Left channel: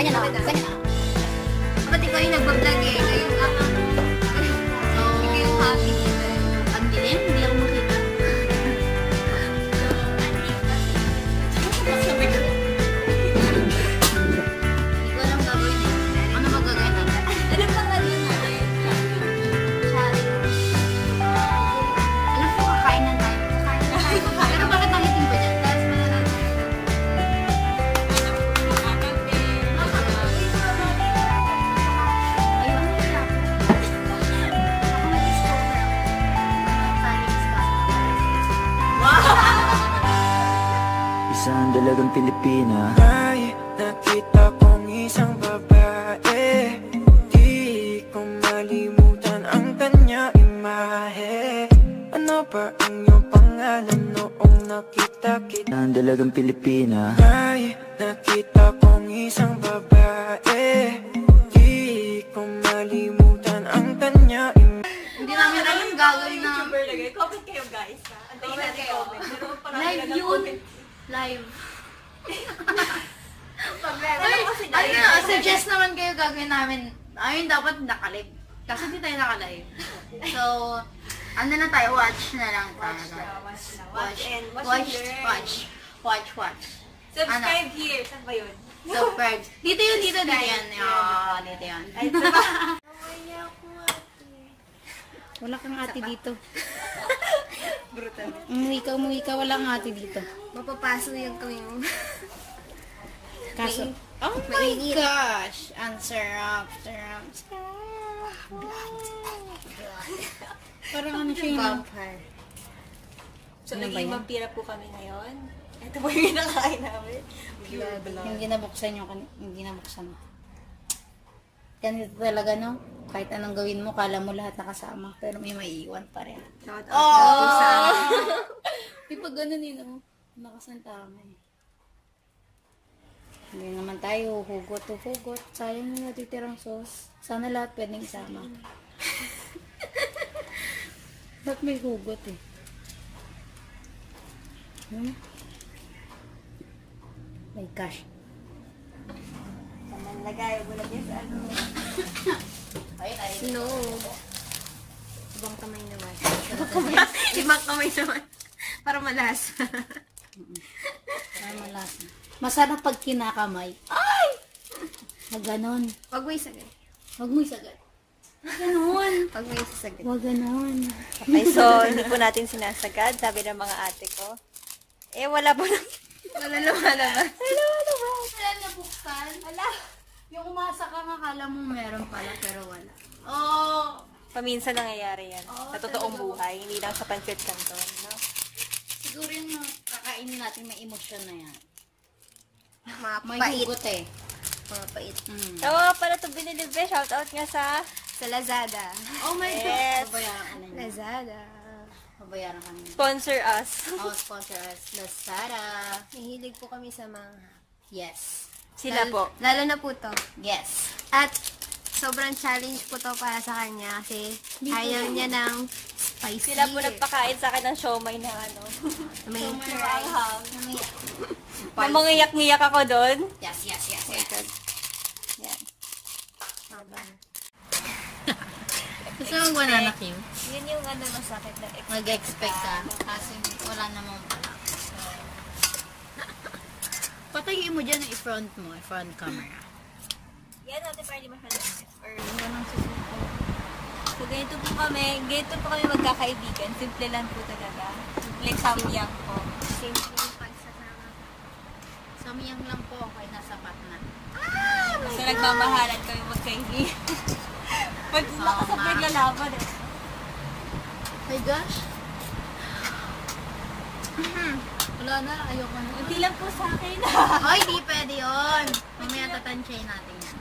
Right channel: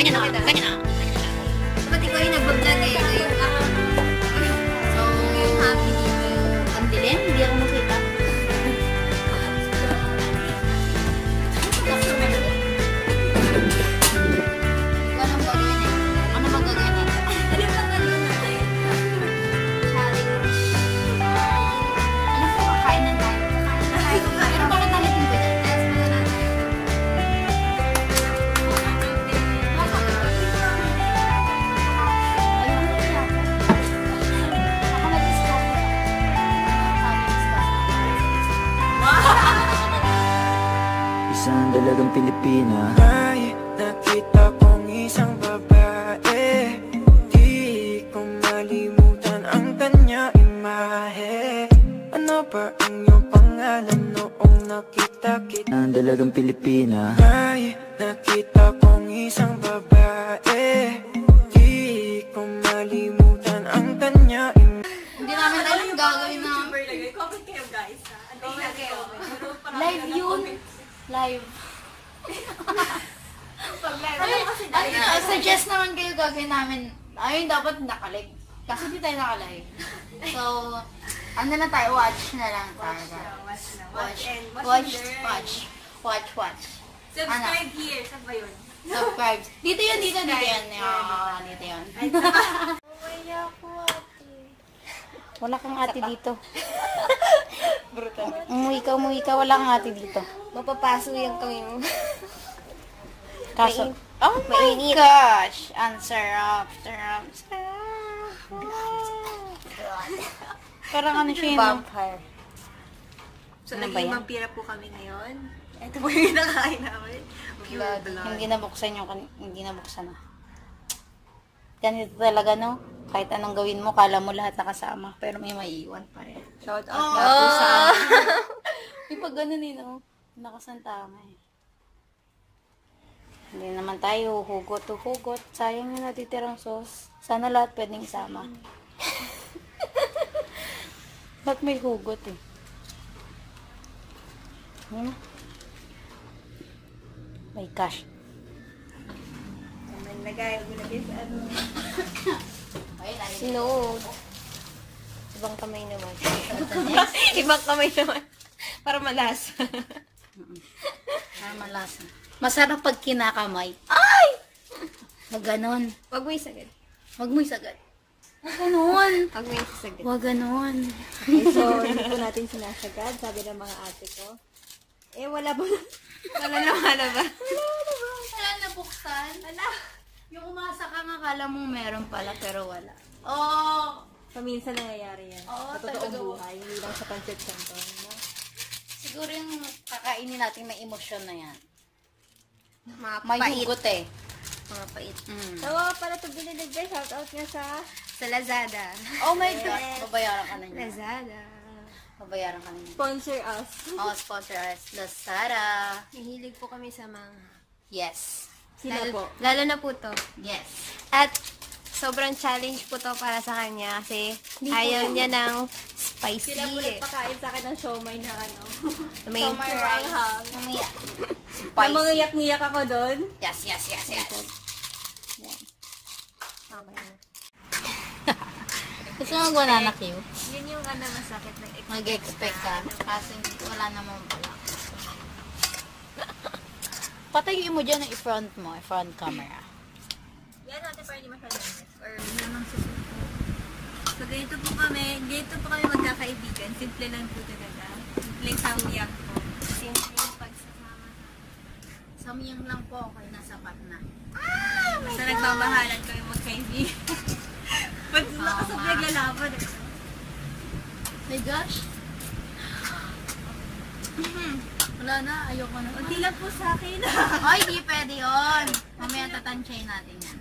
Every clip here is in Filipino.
Ganyan na. Ganyan na. Pati ko yung nagbablog eh. So, yung happy dito. Ang dilim, hindi ako makita. Ano magagawin natin? Ilan lang na rin natin. Alam ko, kakain na tayo. Pero bakit namin yung budget test? Isang dalagang Pilipina. May nakita kong isang babae, di ko malimutan ang kanya imahe. Ano ba ang iyong pangalan noong nakita kita? Isang dalagang Pilipina. May nakita kong isang babae, di ko malimutan ang kanya imahe. Hindi namin alam gagawin na. Comment kayo guys. Antayin natin comment. Live yun. Live. Suggest naman kayo gagawin namin. Ayun, dapat nakalig. Kasi hindi tayo nakalive. So, ano na tayo? Watch na lang. Watch. Subscribe here. Saan ba yun? Subscribe. Dito yan. Dito yan. Dito yan. Wala kang ate dito. Brutal. Umuwi ka. Wala kang ate dito. Mapapaso yung kami mo. Kaso, oh my gosh! Answer up. Parang ano siya yun? Vampire. So, Ano ba naging yan? vampira po kami ngayon. Ito po yung kinakain namin. Pure blood. Yung ginabuksan yung ginabuksan. Ganito talaga, no? Kahit anong gawin mo, kala mo lahat nakasama. Pero may maiiwan pa rin. Shout out na po sa Di pa ganun eh, no? Nakasantama eh. Hindi naman tayo hugot. Sayang yung natitirang sauce. Sana lahat pwedeng isama. Ba't may hugot eh? My gosh. Naman lagay. Wala din sa ano. Snow. Ibang kamay naman. Ibang kamay naman. Para malasa. Malasa. Masarap pag kinakamay. Ay! Na ganon. Wag mo isagad. Wag mo isagad. Wag ganon. Wag mo isagad. Wag ganon. Okay, so hindi po natin sinasagad. Sabi ng mga ate ko. Eh, wala po na. Wala lumalabas. Wala nabuksan. Ala. Yung umasa ka nga, kala mong meron pala, pero wala. Oh! Paminsan nangyayari yan. Oo, Sa totoong talaga. buhay. Hindi lang sa pancit canton. No? Siguro yung kakainin natin may emosyon na yan. May Mapait. hugot eh. Mapait. So, para ito binilibre, shoutout nga sa Lazada. Oh my God! Yes. Babayaran ka na niya. Lazada. Babayaran ka na niya. sponsor us. Oh, sponsor us. Lazada. Mahilig po kami sa mangha. Yes. Sila po. Lalo na po to. Yes. At sobrang challenge po to para sa kanya kasi ayaw niya ng spicy. Sila po nagpakain sa akin ng siomay na ano. May Maanghang. Na mga yak-ngiyak ako doon. Yes. Gusto mo banana Q? Yun yung ano masakit na Mag-expect ka. Kasi wala namang pala. Patayin mo dyan ang i-front mo. I-front camera. Yan natin para hindi masyadong or yun ang susuko. So, ganito po kami magkakaibigan. Simple lang po talaga. Simple samyang po. simple yung pagsasama. Samyang lang po. Ay, nasapat na. So, nagmamahalan kami magkaibigan. Pag nakasabay naglalaban eh. My gosh. Wala na. Ayoko na. Unti lang po sa akin. Ay, di pwede yun. Mamaya tatansyahin natin yan.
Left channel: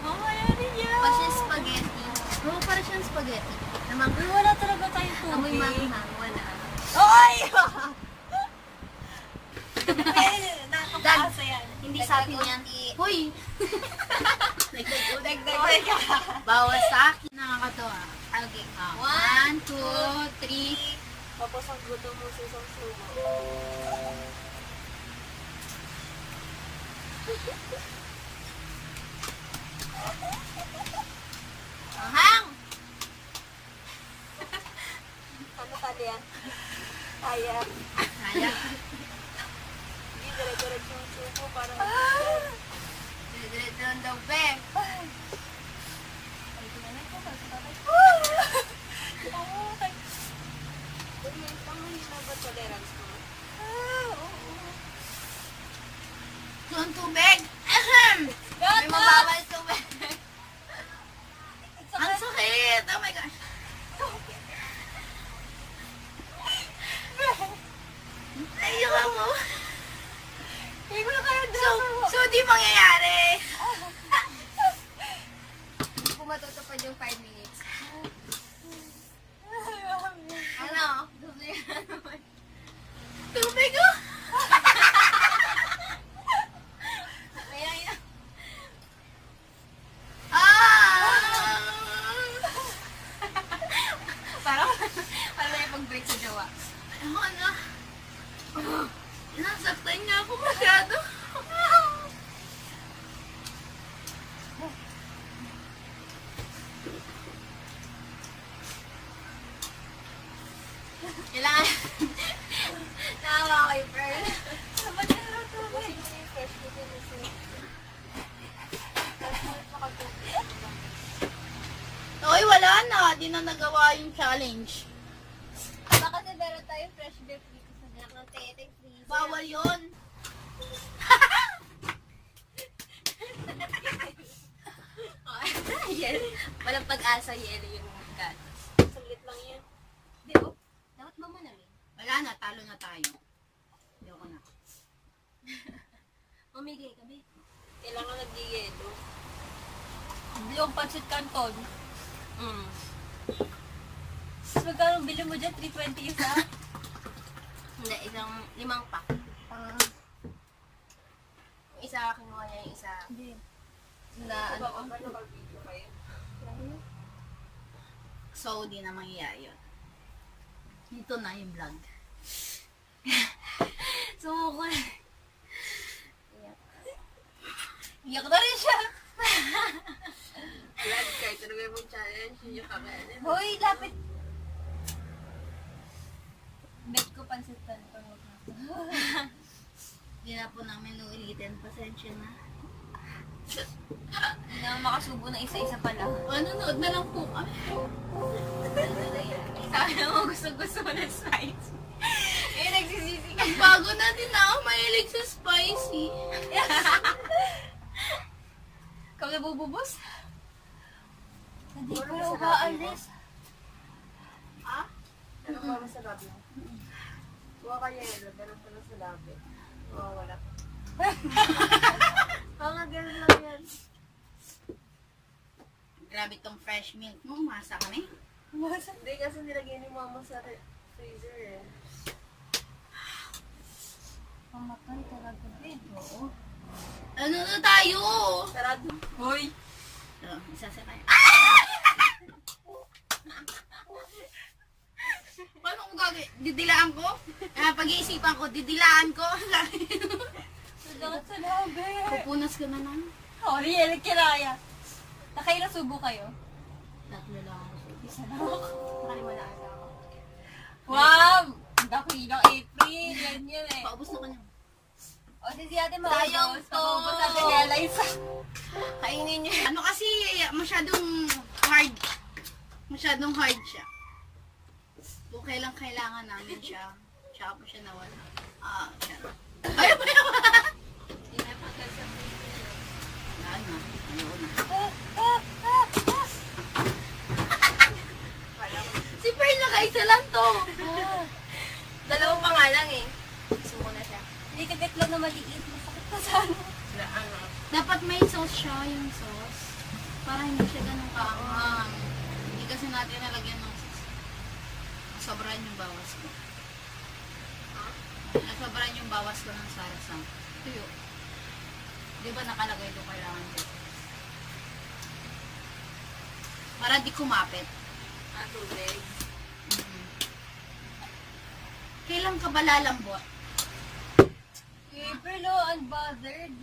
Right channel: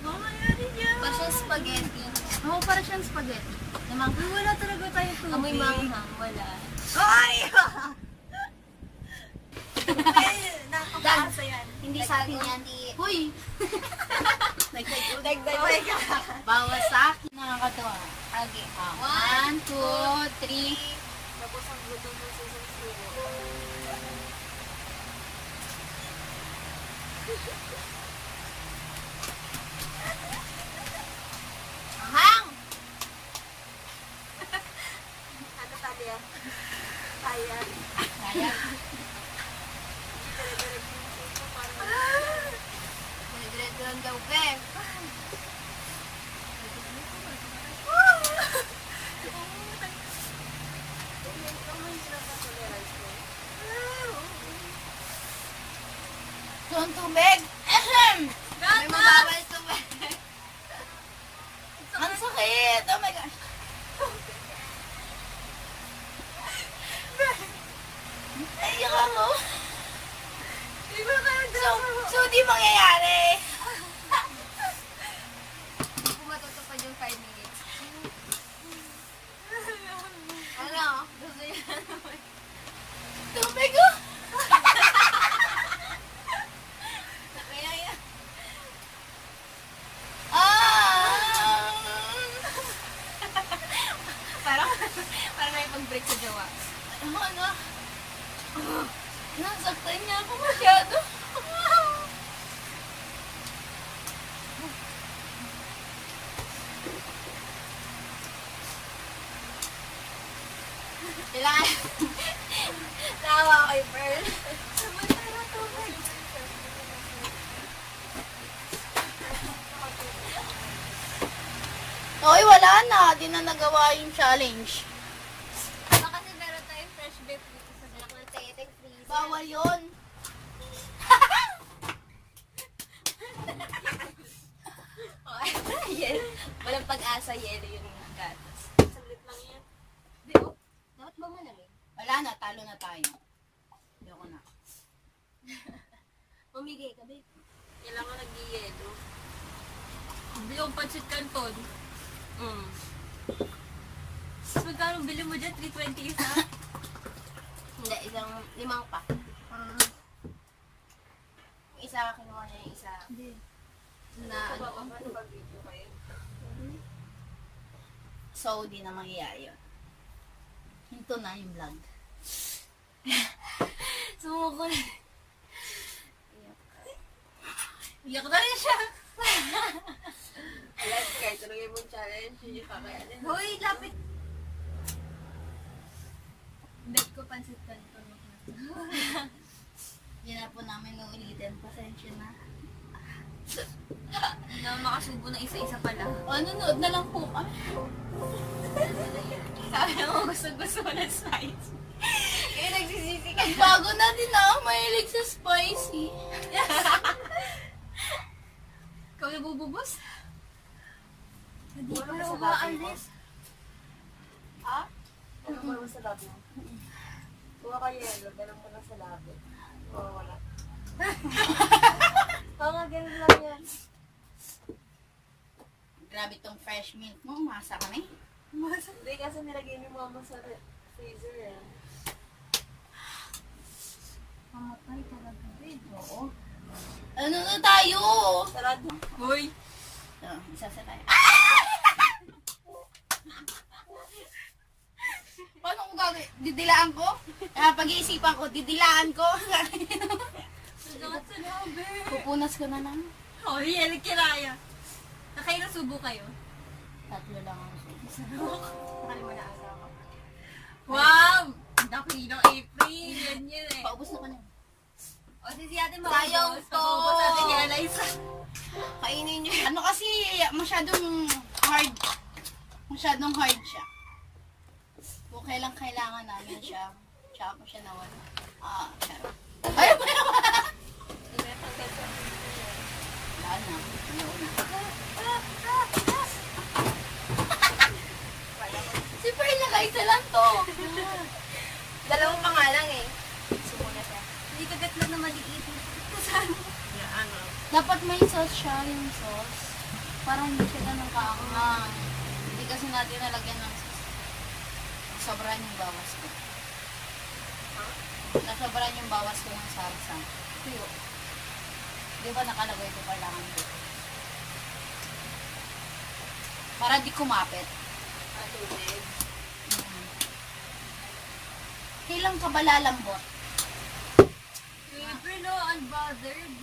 Mamaya rin yan. Para siyang spaghetti. Oo, para siyang spaghetti. Naman, wala talaga tayo tubig. Amoy manghang. Wala. Ay! Nakakaasa yan. Hindi sa akin yan. Huy! Dagdag. Bawas sa akin. Nakakatawa. Okay. 1, 2, 3. Tapos ang gutom mo sa isang subo. Ahang! Ano Talia? Kaya. Kaya. Hindi, dire-diretso yung subo. Parang Dire-diretso lang daw, be. So, ang tubig. Ahem! May mababal tubig. Ang sakit. Oh my gosh. Naiyak ako. So, di mangyayari. Hindi po matutupad yung 5 minutes. Ano? Gusto niya naman. Tubig ko. Kaya yan. Parang may pag-break sa jowa. Ano? Nasaktan niya ako masyado. Kailangan. Nawa ko kay Pearl. Okay, wala na. Di na nagawa yung challenge. baka kasi meron tayong fresh beef dito sa Anak ng teteng, please. Bawal yun. Yelo. Walang pag-asa, yelo yung gatas. Saglit lang yan. Di, oh. Dapat ba manamig? Wala na, talo na tayo. Ayoko na. Mamigay ka, be. Kailangan nag-yelo. Yung pancit canton. Tapos magkano bili mo dyan? 320 isa? Hindi, isang 5 pack. Yung isa, kinuha niya yung isa. Hindi. Na ano? So, di na mangyayari yun. Ito na yung vlog. Sumuko na. Iyak na rin siya. Alam, kahit talaga yung challenge, yun yung kakayanin. Hoy, lapit. Bet ko pancit canton mo. Hindi na po namin uulitin. Pasensya na. Hindi naman makasubo na isa-isa pala. Nanonood na lang po kami. Sabi mo, gusto mo ng spice. Eh, nagsisisi ka. Bago na din ako mahilig sa spicy. Ikaw na bububos? Hindi ko na umaalis. Ano ba sa labi mo? Huwa ka yelo, ganun pa lang sa labi. Wala. Nga, ganun lang yan. Grabe tong fresh milk mo. Umasa kami. Hindi kasi nilagay ni mama sa freezer eh. Mamatay talaga, be. Oo. Ano na tayo? Sarado. Hoy! Isa tayo. Paano kung gagawin? Didilaan ko? Pag-iisipan ko, didilaan ko. Salamat sa labi. Pupunas ko na lang. Oh, yelo, kiraya. Nakailang subo kayo? 3 lang ako. Isa lang. Nakali mo na asa ako. Wow! Dakilang April. Yan yun eh. Paubos na ko na. O, si ate mo. Sayang to. Paubos natin niya, Liza. Kainin niyo. Ano kasi, masyadong hard. Masyadong hard siya. Kung kailang kailangan namin siya, tsaka po siya nawala. Pero. Ay, wala na. Si Pearl nakaisa lang to. Dalawa pa nga lang eh. Suko na siya. Hindi kagat lang na maliit. Masakit na sana. Na ano? Dapat may sauce siya, yung sauce. Para hindi siya ganun kaangang. Hindi kasi natin nalagyan ng sauce. Nasobrahan yung bawas ko. Nasobrahan yung bawas ko ng sarsa. Tuyo. Di ba nakalagay ko kailangan ko? Para di kumapit. Tubig. Kailan ka ba lalambot? April, unbothered.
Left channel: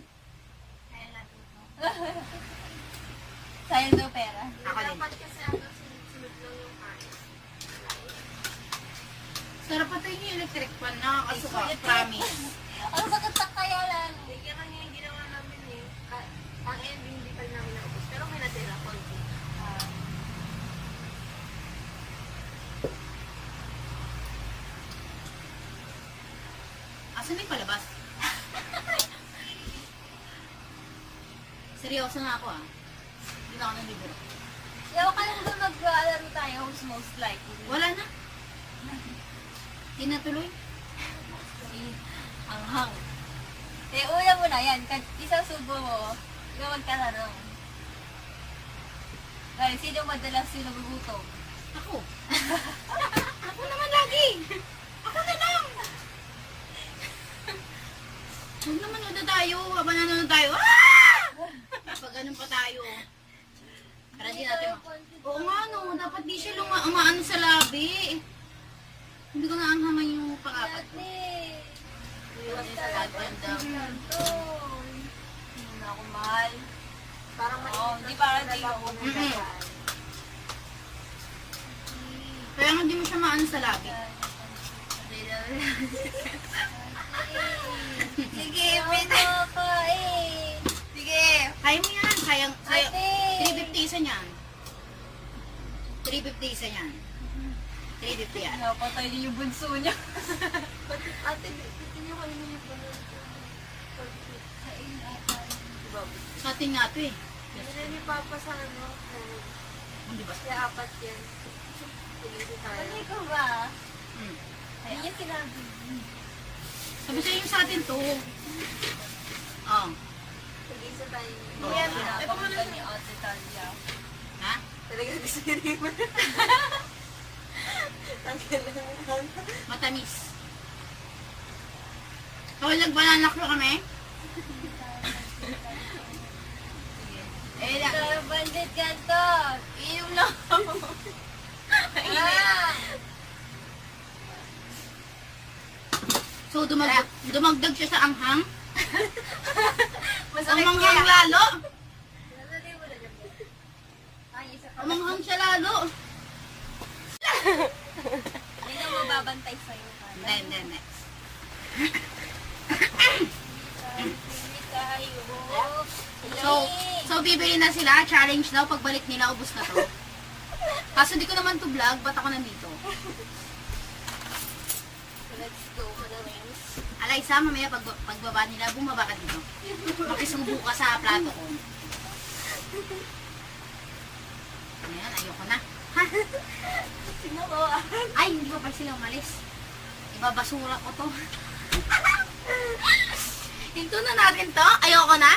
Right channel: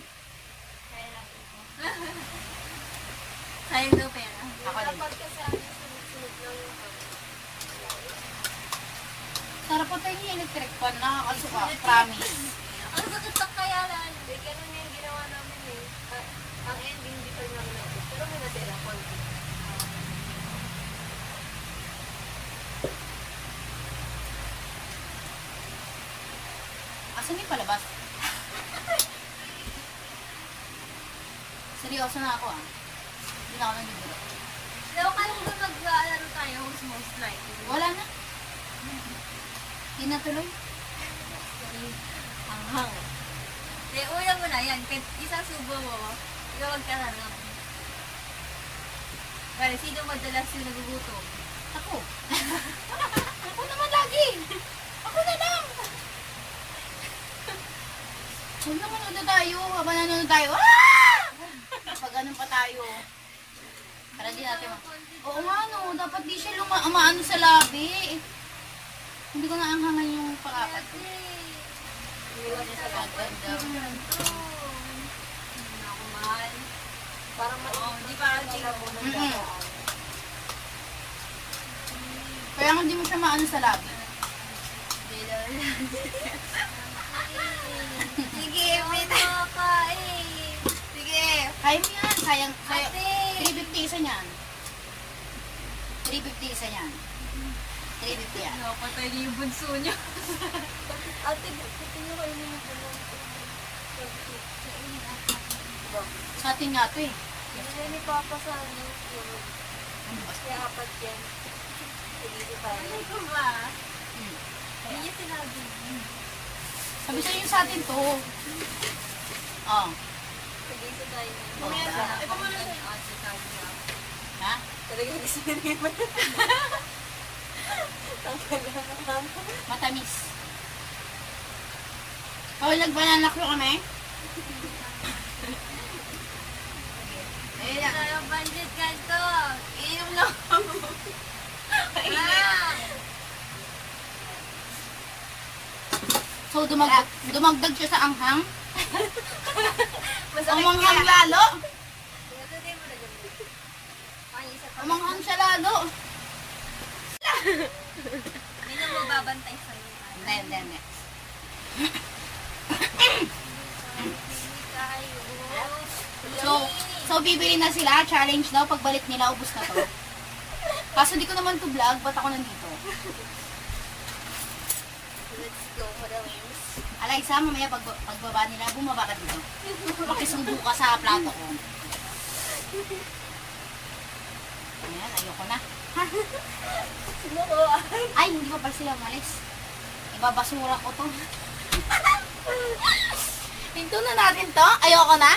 Sayang daw pera. Ako din. Dapat kasi ano, sunod-sunod lang yung kain. Sarap pa tayo yung electric fan. Nakakasuka. Promise. Ano ba katak kaya lang? Hindi, ganun nga yung ginawa namin eh. Ang ending, hindi pa rin namin naubos. Pero may natira, konti. Asan yung palabas? Seryoso na ako ah. Hindi na ako ng libro. Pero kaya kung mag-alaro tayo, who's most likely? Wala na. Hindi na tuloy. Ang hang. Eh, una mo na yan. Isang subo mo, ikaw magkatanong. Well, sino madalas yung nagugutom? Ako. Ako naman lagi. Ako na lang. Huwag naman manood na tayo. Habang nanonood tayo. Ah! Pag ganun pa tayo. Para di natin Oo nga no. Dapat di siya umaano sa labi. Hindi ko naanghangan yung pangapat. Hindi sa ganda. Hindi na ako mahal. Parang Oo, hindi parang di ako. Kaya nga hindi mo siya maano sa labi. Sige, pwede ka eh. Sige. Kaya mo yan. Kaya, Ate. 350 isa niyan. 350 isa yan. 350 yan. Napatay niyo yung bunso niya. Ate, pati nyo kayo yung gano'n. Sa atin nga ito eh. Hindi ni Papa sa ano. Ano ba? Kaya apat yan. Hindi tayo. Malay ko ba? Hmm. Hindi niya sinabi. Sabi sa'yo yung sa atin to. Oh. Hindi tayo. Mamaya na. Ito mo na ni Ate Talia. Ha? Talaga gusto nila mo. Tanggal lang naman. Matamis. Oh, nagbanana ko kami. Eh, tayo bandit ganto. Inom lang. Ah! So, dumagdag siya sa anghang. Masakit Umanghang kaya. lalo. Nasatay mo na dyan mo. Ang isa pa. Umanghang siya lalo. Hindi na mababantay sa'yo. Hindi. Hindi kayo. So, bibili na sila. Challenge daw. Pagbalik nila, ubus na to. Kaso di ko naman to vlog. Ba't ako nandito? Let's go, madalings. Alaysa, mamaya pagbaba nila, bumaba ka dito. Makisubo ka sa plato ko. Ayan, ayoko na. Ha? Sino ko? Ay, hindi pa sila umalis. Ibabasura ko to. Hinto na natin to. Ayoko na.